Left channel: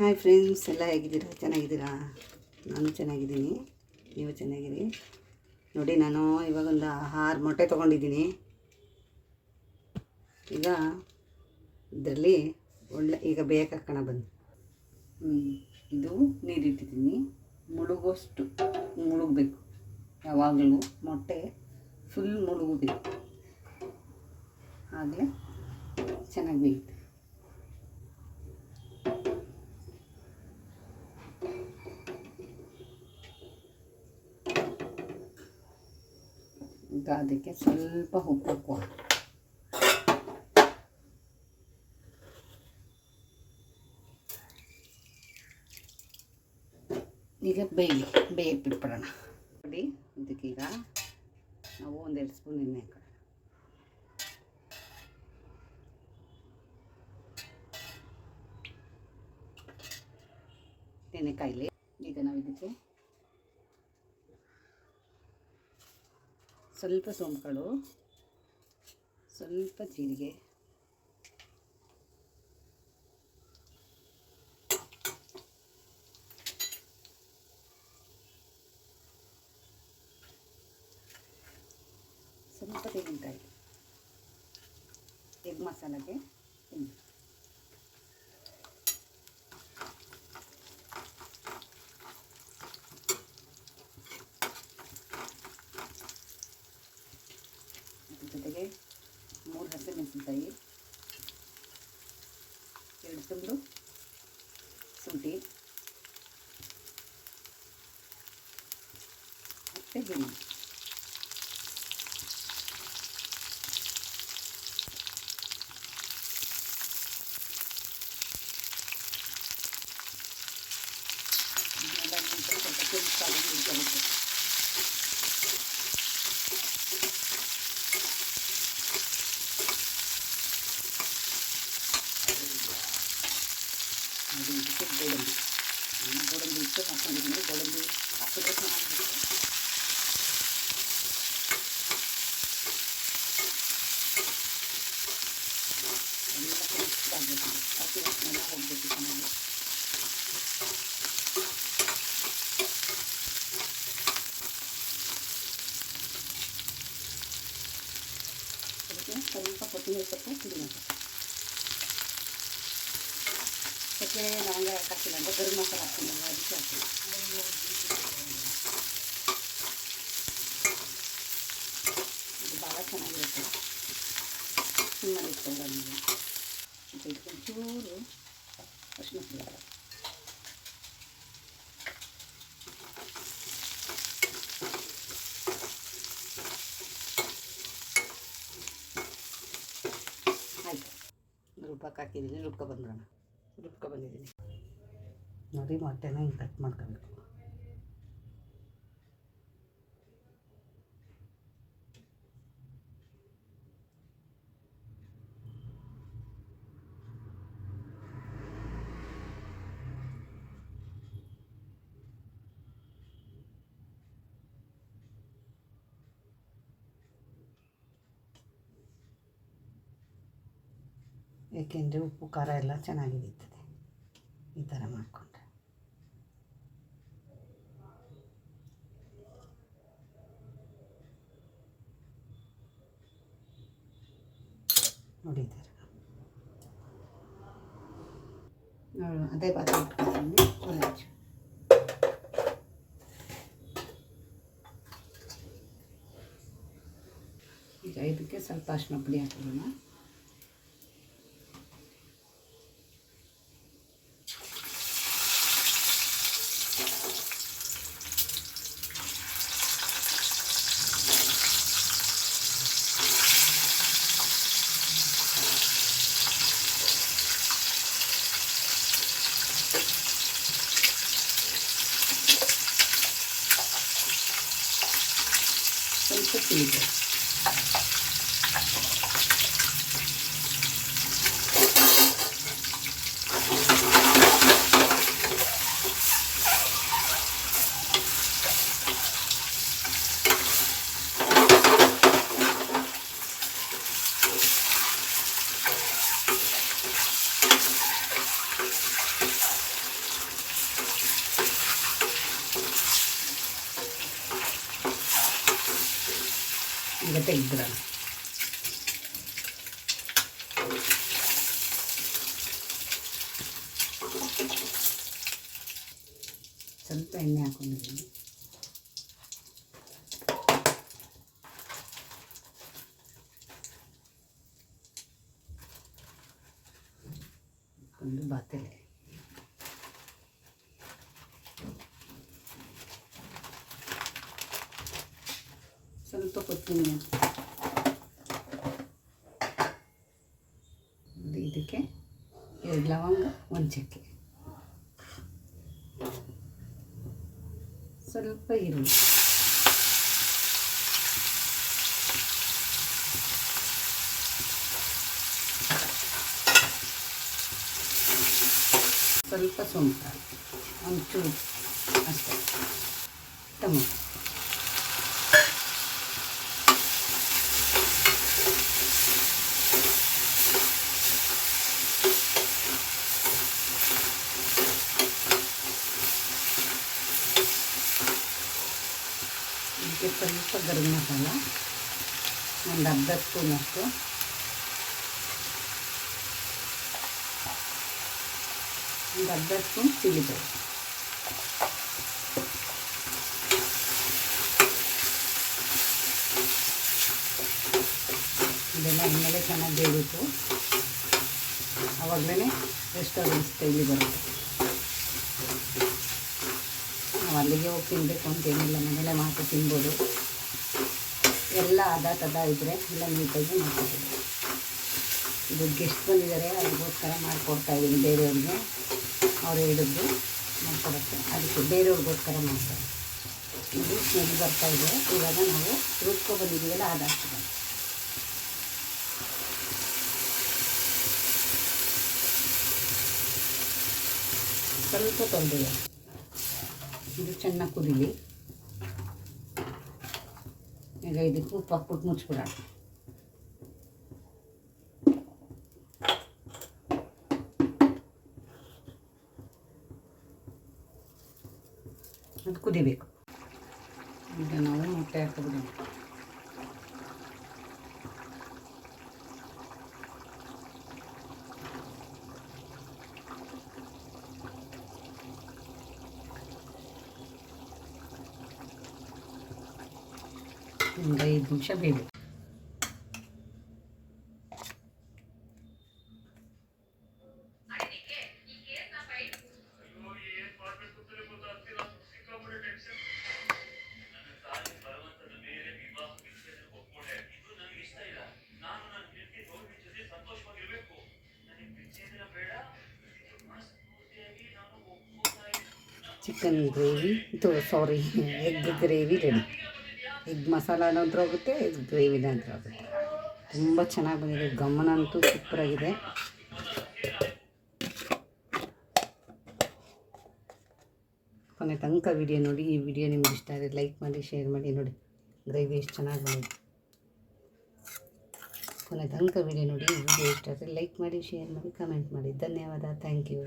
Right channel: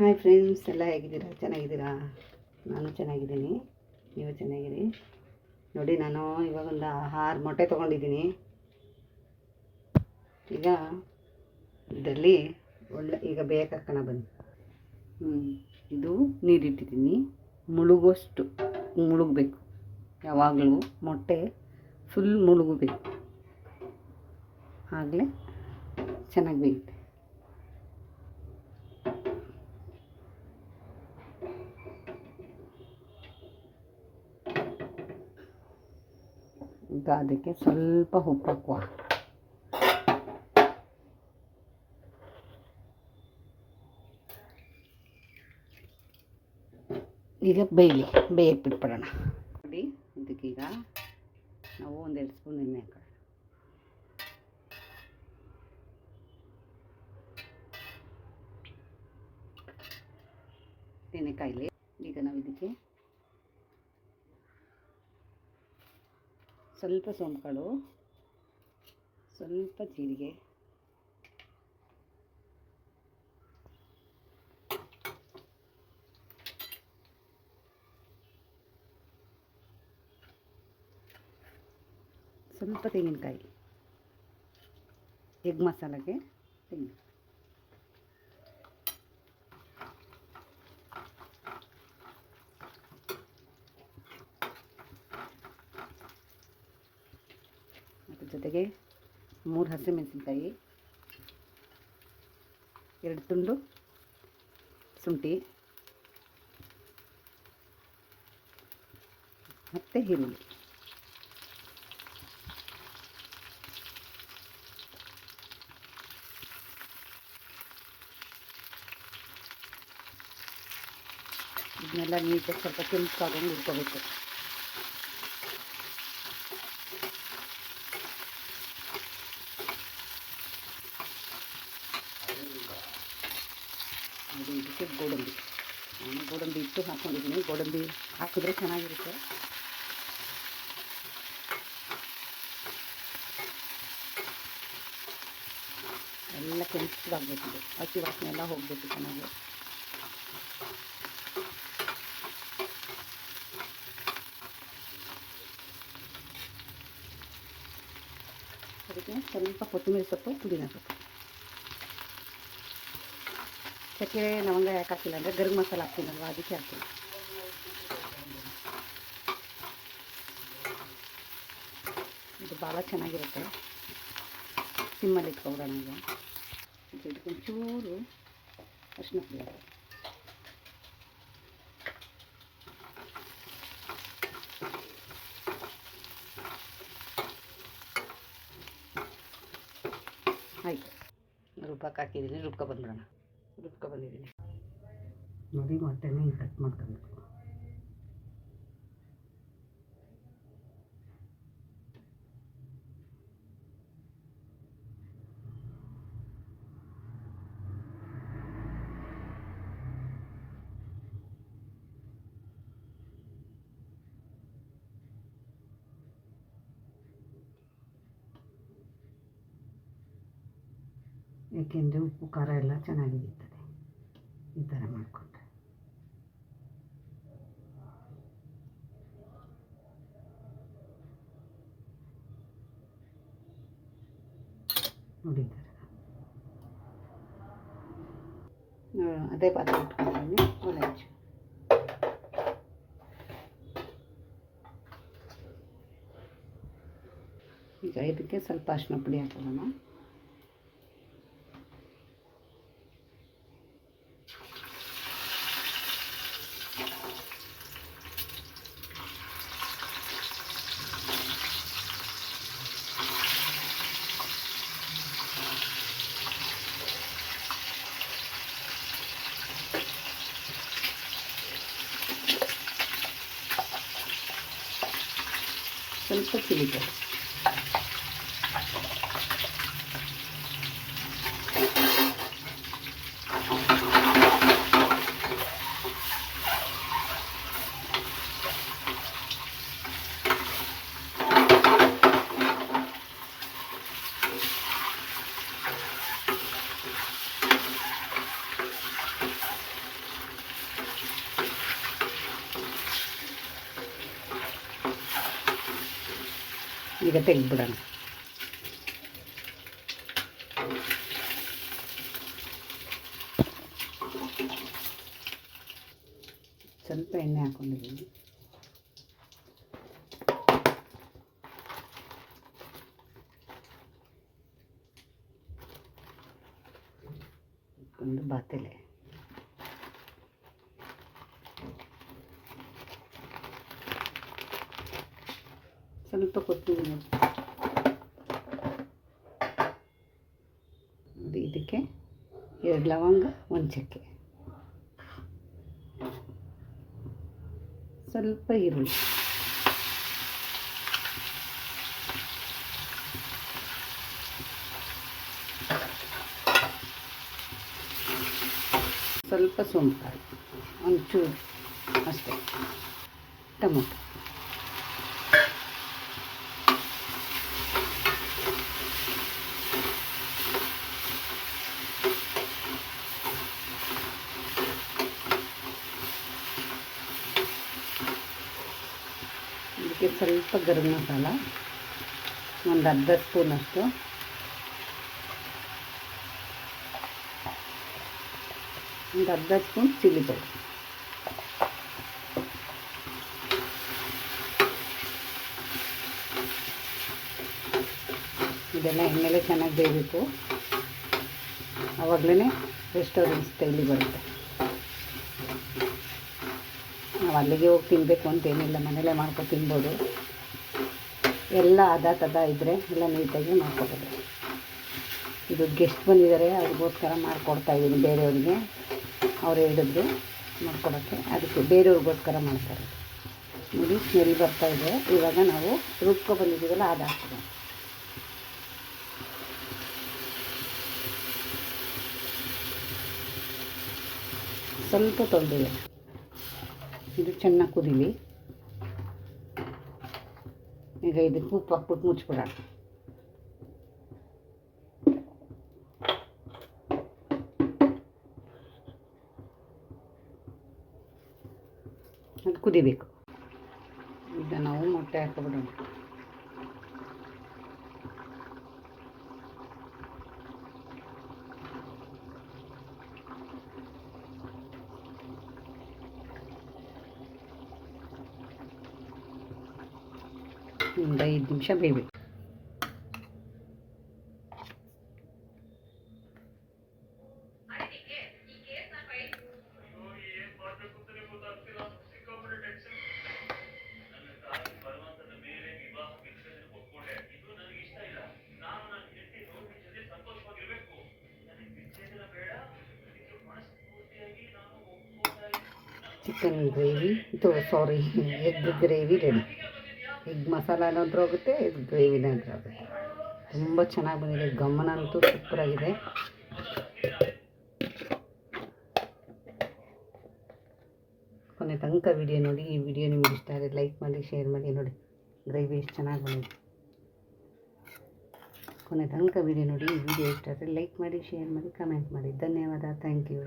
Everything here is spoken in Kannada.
ಹಾಯ್ ಫ್ರೆಂಡ್ಸ್, ಎಲ್ಲ ಹೇಗಿದ್ದೀರಾ? ಚೆನ್ನಾಗಿದ್ದೀರಾ? ನಾನು ಚೆನ್ನಾಗಿದ್ದೀನಿ, ನೀವು ಚೆನ್ನಾಗಿರಿ. ನೋಡಿ, ನಾನು ಇವಾಗೊಂದು 6 ಮೊಟ್ಟೆ ತೊಗೊಂಡಿದ್ದೀನಿ. ಈಗ ಇದರಲ್ಲಿ ಈಗ ಬೇಕಕ್ಕಣ ಬಂದು ಇದು ನೀರಿಟ್ಟಿದ್ದೀನಿ. ಮುಳುಗೋಷ್ಟು ಮುಳುಗಬೇಕು. ಯಾವಾಗಲೂ ಮೊಟ್ಟೆ ಫುಲ್ ಮುಳುಗಬೇಕು, ಆಗಲೇ ಚೆನ್ನಾಗಿ ಬೇಯುತ್ತೆ. ಈಗ ಅದಕ್ಕೆ ಸ್ವಲ್ಪ ಉಪ್ಪು ಹಾಕುವ. ಈಗ ಬೇಯಕ್ಕೆ ಬಿಟ್ಬಿಡೋಣ. ನೋಡಿ, ಇದಕ್ಕೀಗ ನಾವು 1-2 ಸ್ಪೂನ್ ಎಣ್ಣೆ ಹಾಕೋಣ. ಎಣ್ಣೆ ಕಾಯಿಲೆ. ಈಗ ನಾವು ಇದಕ್ಕೆ ಸ್ವಲ್ಪ ಸೋಂಪುಕಾಳು, ಸ್ವಲ್ಪ ಜೀರಿಗೆ, ಸ್ವಲ್ಪ ತೆಂಗಿನಕಾಯಿ, ಎಗ್ ಮಸಾಲೆಗೆ ತೆಂಗಿನ, ಜೊತೆಗೆ 3 ಹಸಿಮೆಣಸಿನಕಾಯಿ, 2 ತುಂಡು ಶುಂಠಿ ಮತ್ತು ಈರುಳ್ಳಿ. ಇದನ್ನೆಲ್ಲ ನೀಟಾಗಿ ಸ್ವಲ್ಪ ಕೆಂಪಾಗಿ ಇಟ್ಕೋಬೇಕು. ಅದು ಇದಕ್ಕೆ ಗೋಡಂಬಿ ಇಟ್ಟು ಹಾಕೊಂಡಿದ್ದೀನಿ. ಗೋಡಂಬಿ ಹಾಕಿದ್ರೆ ಚೆನ್ನಾಗಿರುತ್ತೆ. ಎಲ್ಲ ಕೆಂಪಾಗಬೇಕು, ಹಸಿ ವಾಸನೆ ಎಲ್ಲ ಹೋಗಬೇಕು ಚೆನ್ನಾಗಿ. ಅದಕ್ಕೆ ಸ್ವಲ್ಪ ಕೊತ್ತಂಬರಿ ಸೊಪ್ಪು, ಪುದೀನ ಸೊಪ್ಪು, ಚಕ್ಕೆ ಲವಂಗ ಯಾಕೆ ಹಾಕಿಲ್ಲ ಅಂದರೆ ಗರಂ ಮಸಾಲೆ ಹಾಕ್ತೀನಲ್ಲ, ಅದಕ್ಕೆ ಹಾಕ್ತೀನಿ. ಇದು ಭಾಳ ಚೆನ್ನಾಗಿರುತ್ತೆ. ಸಿಮ್ಮಲ್ಲಿ ಇಟ್ಕೊಂಡ್ರೆ ಈಗ ಇದಕ್ಕೊಂಚೂರು ಅರಿಶಿನ ಪುಡಿ, ಆಯಿತು. ರುಬ್ಬಕ್ಕೆ ಹಾಕಿದ್ದೀನಿ, ರುಬ್ಕೊಂಡ್ಬಿಡೋಣ. ಬಂದಿದ್ದೀನಿ ನೋಡಿ. ಮೊಟ್ಟೆನ ಹಿಂಗೆ ಕಟ್ ಮಾಡ್ಕೋಬೇಕು. ಏಕೆಂದರೆ ಉಪ್ಪು ಖಾರ ಎಲ್ಲ ಚೆನ್ನಾಗಿರ್ತದೆ ಈ ಥರ ಮಾಡಿಕೊಂಡ್ರೆ. ನೋಡಿ ಈ ಥರ ಅದೇ ಪಾತ್ರೆ ಇಟ್ಕೊಳ್ತೀನಿ. ಒಲೆ ಹಚ್ಚು. ಈಗ ಇದಕ್ಕೆ ಸ್ವಲ್ಪ ಅರಿಶಿನ ಪುಡಿ ಹಾಕೊಳ್ಳೋಣ. ಸ್ವಲ್ಪ ಚಿಲ್ಲಿಗೆ, ಈಗ ತೆಗೆದ್ಬಿಡೋಣ. ಸ್ವಲ್ಪ ಎಣ್ಣೆ ಹಾಕ್ಕೊಂಡಿದ್ದೀನಿ. ಒಂದು ಬಾತೆಲೆ, ಸ್ವಲ್ಪ ಕೊತ್ತಂಬರಿ, ಇದಕ್ಕೆ 2 ಲವಂಗ, 1 ಚಕ್ಕೆ, ಸ್ವಲ್ಪ ಈರುಳ್ಳಿ, ಸ್ವಲ್ಪ ಸೋಂಪುಕಾಯಿ, ಒಂಚೂರು ಅಷ್ಟೇ, ಟೊಮೊಟೊ, ಇದಕ್ಕೆ ಸ್ವಲ್ಪ ಗರಂ ಮಸಾಲ, ಒಂದು ಅರ್ಧ ಸ್ಪೂನಷ್ಟು, ಒಂದು ಅರ್ಧ ಸ್ಪೂನ್ ಚಿಲ್ಲಿ ಪೌಡರ್, ಇದೆಲ್ಲ ಎಣ್ಣೆಲೆ ಚೆನ್ನಾಗಿ ಬೇಯಬೇಕು. ಆವಾಗಲೇ ರೆಸ್ಟೋರೆಂಟ್ ಸ್ಟೈಲಿ ಬರುತ್ತೆ. ನಾವು ಅಲ್ಲಿಗೆ ಹೋಗಿ ತಿನ್ನಬೇಕು ಅಂತೇನಿಲ್ಲ, ಮನೆಯಲ್ಲೇ ಮಾಡ್ಕೊಂಡು ತಿನ್ಬೋದು. ಎಲ್ಲ ಅದ ಇದ್ದರೆ ಎಲ್ಲ ನೀಟಾಗಿ ಮಾಡ್ಕೊಬೋದು. ಇದು ಗೆಸ್ಟ್ ಬಂದಿದ್ದಾರೆ, ಅವ್ರಿಗೋಸ್ಕರ ಮಾಡಿಕೊಡ್ತಾಯಿದ್ದೀನಿ ಬೇರೆಯವ್ರಿಗೆ. ಅವ್ರು ಹೇಳಿದ್ರು ಮಾಡ್ಕೊಡೋಕ್ಕೆ, ಅದಕ್ಕೆ ಬೇರೆಯವ್ರಿಗೋಸ್ಕರ ಮಾಡ್ತಾರೆ. ನೋಡಿ ಸ್ಮೆಲ್ ಬರ್ತಾಯಿದೆ. ಇವಾಗ ನಾವು ರುಬ್ಕೊ ಬಂದಿದ್ದೀವಲ್ಲ ಅದು ಹಾಕ್ತೀವಿ. ಸ್ವಲ್ಪ ತೊಂದರೆ, ಇದು ಚೆನ್ನಾಗಿ ಕುದೀಲಿ. ಈಗ ಇದಕ್ಕೆ ಉಪ್ಪು ಹಾಕ್ಬಿಟ್ಟು ಮುಚ್ಬಿಡೋಣ. ಅದು ಕುದಿಬೇಕು. ಈಗ ನಾವು ಮೊಟ್ಟೆ ಹಾಕ್ಬಿಡೋಣ. ಒಂದು 5 ನಿಮಿಷ ಬೇಯಬೇಕು. Chicken gravy egg gravy ready. Egg ಮಸಾಲಾನಂತರ ಹೋಗುತ್ತೆ, ಎಗ್ ಗ್ರೇವಿನಂತರ ಆಗುತ್ತೆ. ತುಂಬ ಚೆನ್ನಾಗಿ ಬಂದಿದೆ. ಗಮನ ಅಂತೂ ಸೂಪರಾಗಿದೆ. ಕೊನೆ ತನಕ ವಿಡಿಯೋ ನೋಡಿ. ಈ ವಿಡಿಯೋ ನಿಮ್ಗೆ ಇಷ್ಟ ಆದರೆ ಲೈಕ್ ಮಾಡಿ, ಶೇರ್ ಮಾಡಿ. ನೋಡಿ ಗ್ರೇವಿ ಎಷ್ಟು ಚೆನ್ನಾಗಿ ಬಂದಿದೆ. ಕೊನೆ ತನಕ ವಿಡಿಯೋ ನೋಡಿ. ಈ ವಿಡಿಯೋ ಇಷ್ಟ ಆದರೆ ಲೈಕ್ ಮಾಡಿ, ಶೇರ್ ಮಾಡಿ, ಕಮೆಂಟ್ ಮಾಡಿ. ಧನ್ಯವಾದ. Thank you.